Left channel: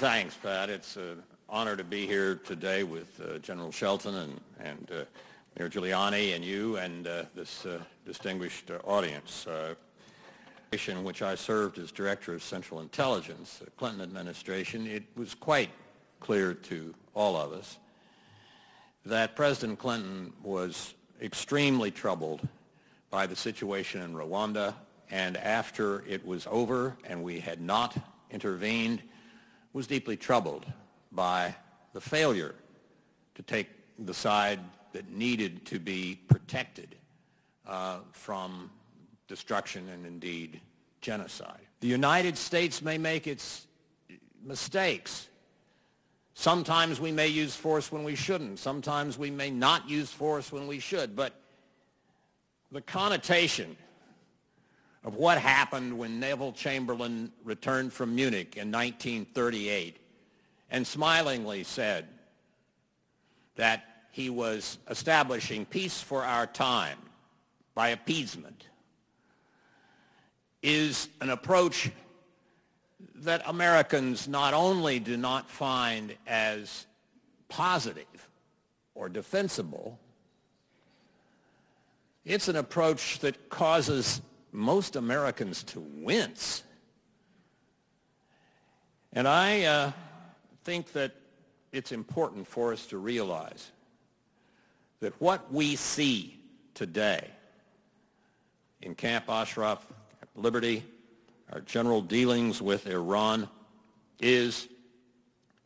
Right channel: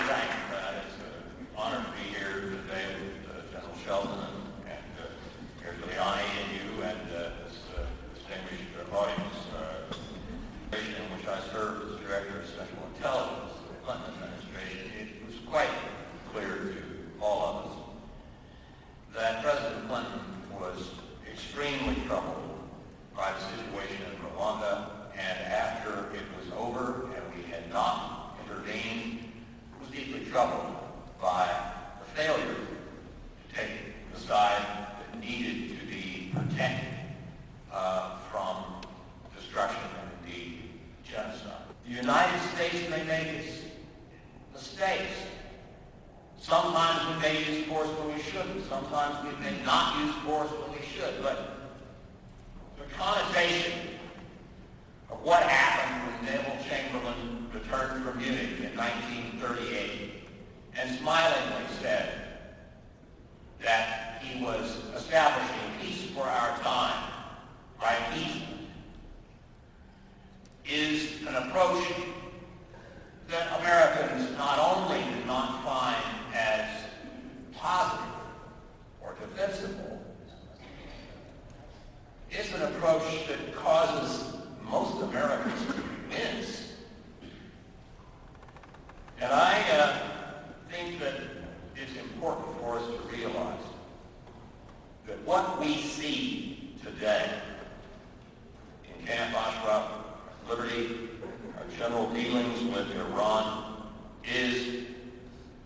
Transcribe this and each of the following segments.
thanks, Pat. It's an honor to be here today with General Shelton and Mayor Giuliani and you and this distinguished audience. In which I served as Director of Central Intelligence, the Clinton administration, it was quite clear to all of us that President Clinton was extremely troubled by the situation in Rwanda, and after it was over and we had not intervened, was deeply troubled by the failure to take the side that needed to be protected from destruction and indeed genocide. The United States may make its mistakes. Sometimes we may use force when we shouldn't. Sometimes we may not use force when we should. But the connotation of what happened when Neville Chamberlain returned from Munich in 1938 and smilingly said that he was establishing peace for our time by appeasement is an approach that Americans not only do not find as positive or defensible, it's an approach that causes most Americans to wince. And I think that it's important for us to realize that what we see today in Camp Ashraf, Liberty, our general dealings with Iran is,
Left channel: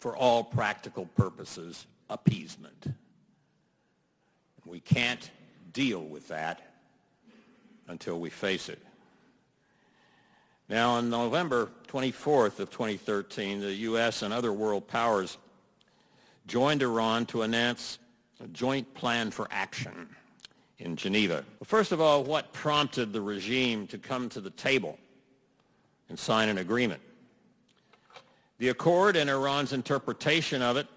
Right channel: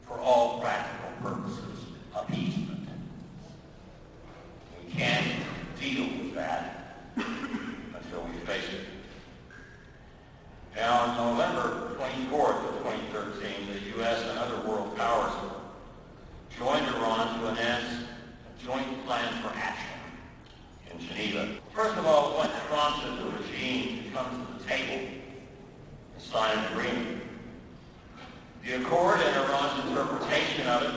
for all practical purposes, appeasement. We can't deal with that until we face it. Now, on November 24th of 2013, the U.S. and other world powers joined Iran to announce a joint plan for action in Geneva. First of all, what prompted the regime to come to the table and sign an agreement? The accord and Iran's interpretation of it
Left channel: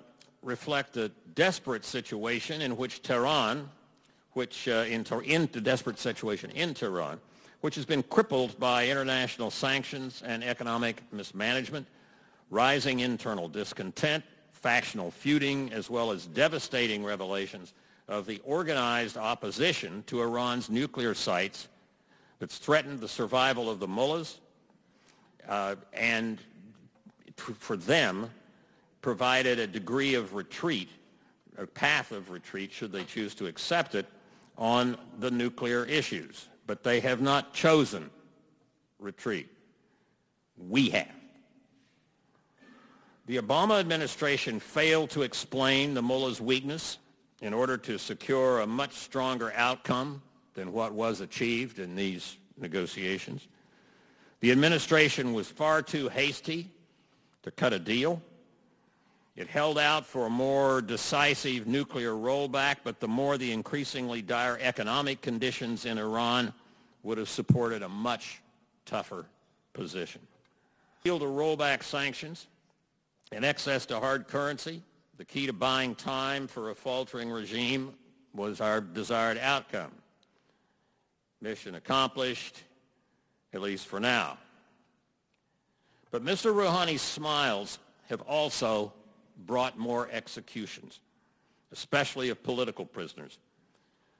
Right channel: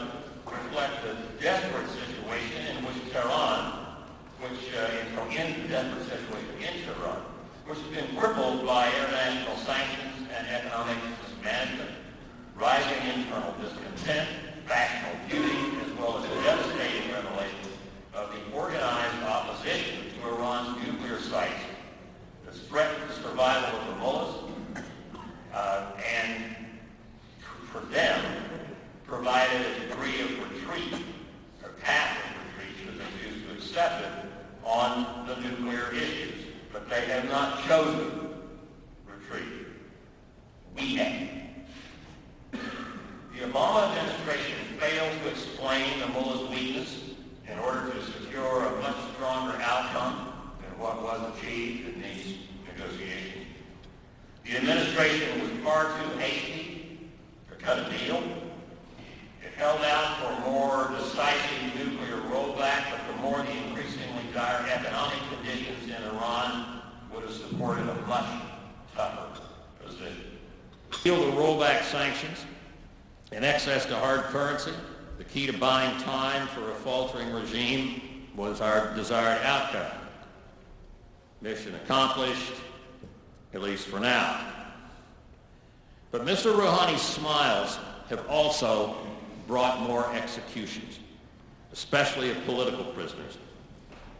reflect a desperate situation in which Tehran, desperate situation in Tehran, which has been crippled by international sanctions and economic mismanagement, rising internal discontent, factional feuding, as well as devastating revelations of the organized opposition to Iran's nuclear sites that's threatened the survival of the mullahs and for them provided a degree of retreat, a path of retreat should they choose to accept it on the nuclear issues. But they have not chosen retreat. We have. The Obama administration failed to explain the mullahs' weakness in order to secure a much stronger outcome than what was achieved in these negotiations. The administration was far too hasty to cut a deal. It held out for a more decisive nuclear rollback, but the more the increasingly dire economic conditions in Iran would have supported a much tougher position. Deal to rollback sanctions and access to hard currency, the key to buying time for a faltering regime, was our desired outcome. Mission accomplished, at least for now. But Mr. Rouhani's smiles have also brought more executions, especially of political prisoners.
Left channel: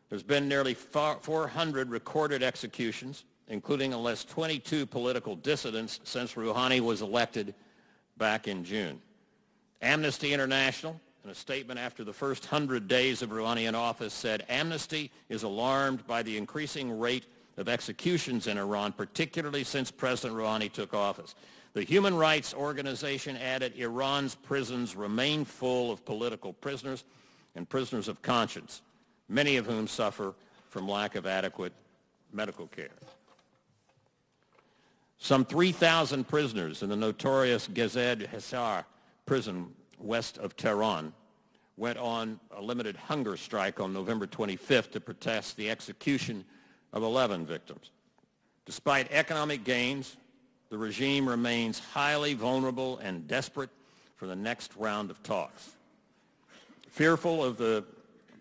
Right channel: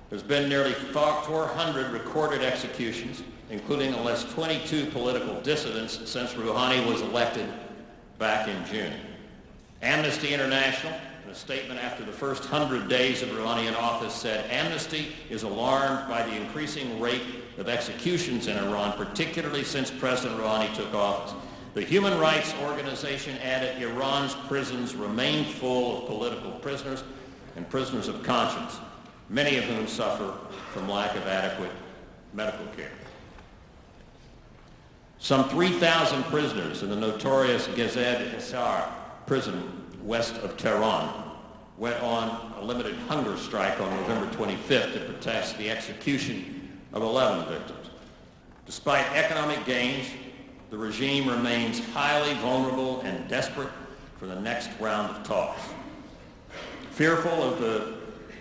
There's been nearly 400 recorded executions, including at least 22 political dissidents since Rouhani was elected back in June. Amnesty International, in a statement after the first 100 days of Rouhani in office, said, "Amnesty is alarmed by the increasing rate of executions in Iran, particularly since President Rouhani took office." The human rights organization added, "Iran's prisons remain full of political prisoners and prisoners of conscience, many of whom suffer from lack of adequate medical care." Some 3,000 prisoners in the notorious Gezed Hisar prison west of Tehran went on a limited hunger strike on November 25th to protest the execution of 11 victims. Despite economic gains, the regime remains highly vulnerable and desperate for the next round of talks. Fearful of the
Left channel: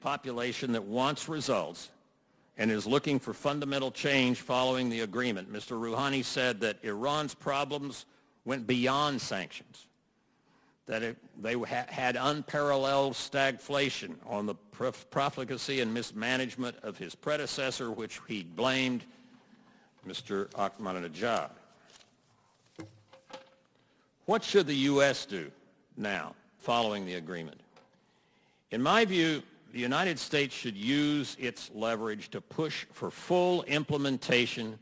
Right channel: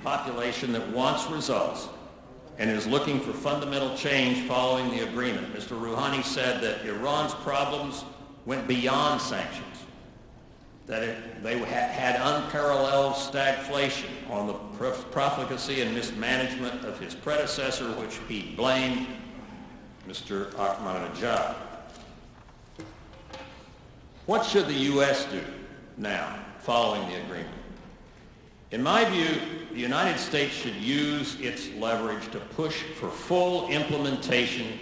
population that wants results and is looking for fundamental change following the agreement, Mr. Rouhani said that Iran's problems went beyond sanctions. that they had unparalleled stagflation on the profligacy and mismanagement of his predecessor, which he blamed Mr. Ahmadinejad. What should the U.S. do now, following the agreement? In my view, the United States should use its leverage to push for full implementation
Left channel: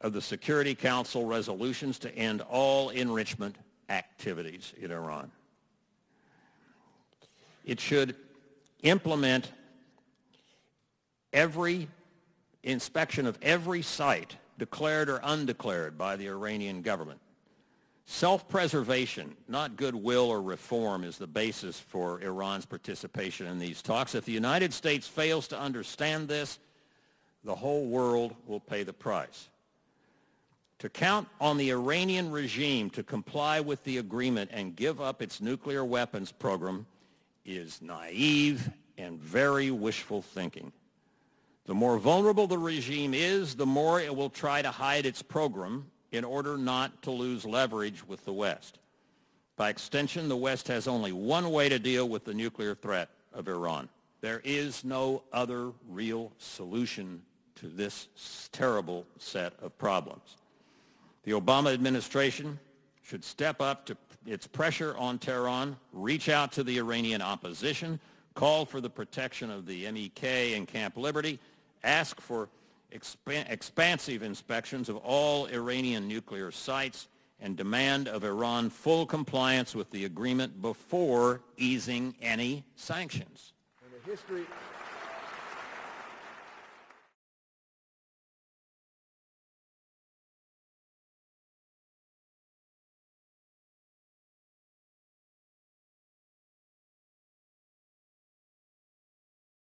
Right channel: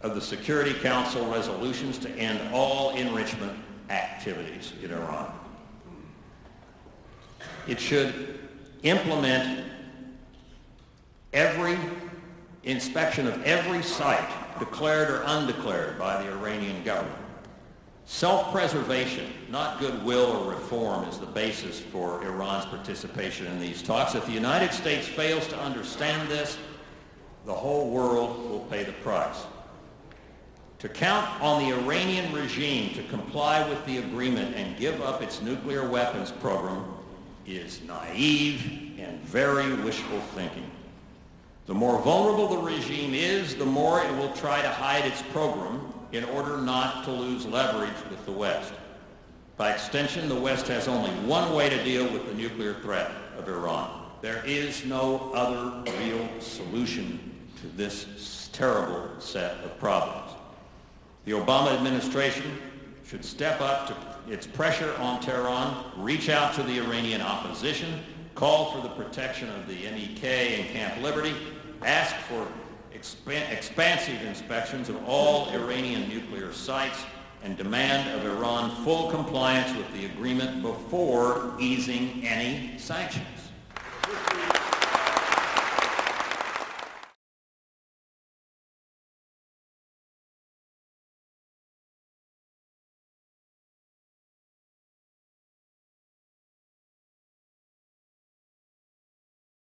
of the Security Council resolutions to end all enrichment activities in Iran. It should implement every inspection of every site, declared or undeclared, by the Iranian government. Self-preservation, not goodwill or reform, is the basis for Iran's participation in these talks. If the United States fails to understand this, the whole world will pay the price. To count on the Iranian regime to comply with the agreement and give up its nuclear weapons program is naive and very wishful thinking. The more vulnerable the regime is, the more it will try to hide its program in order not to lose leverage with the West. By extension, the West has only one way to deal with the nuclear threat of Iran. There is no other real solution to this terrible set of problems. The Obama administration should step up to its pressure on Tehran, reach out to the Iranian opposition, call for the protection of the MEK and Camp Liberty, ask for expansive inspections of all Iranian nuclear sites, and demand of Iran full compliance with the agreement before easing any sanctions.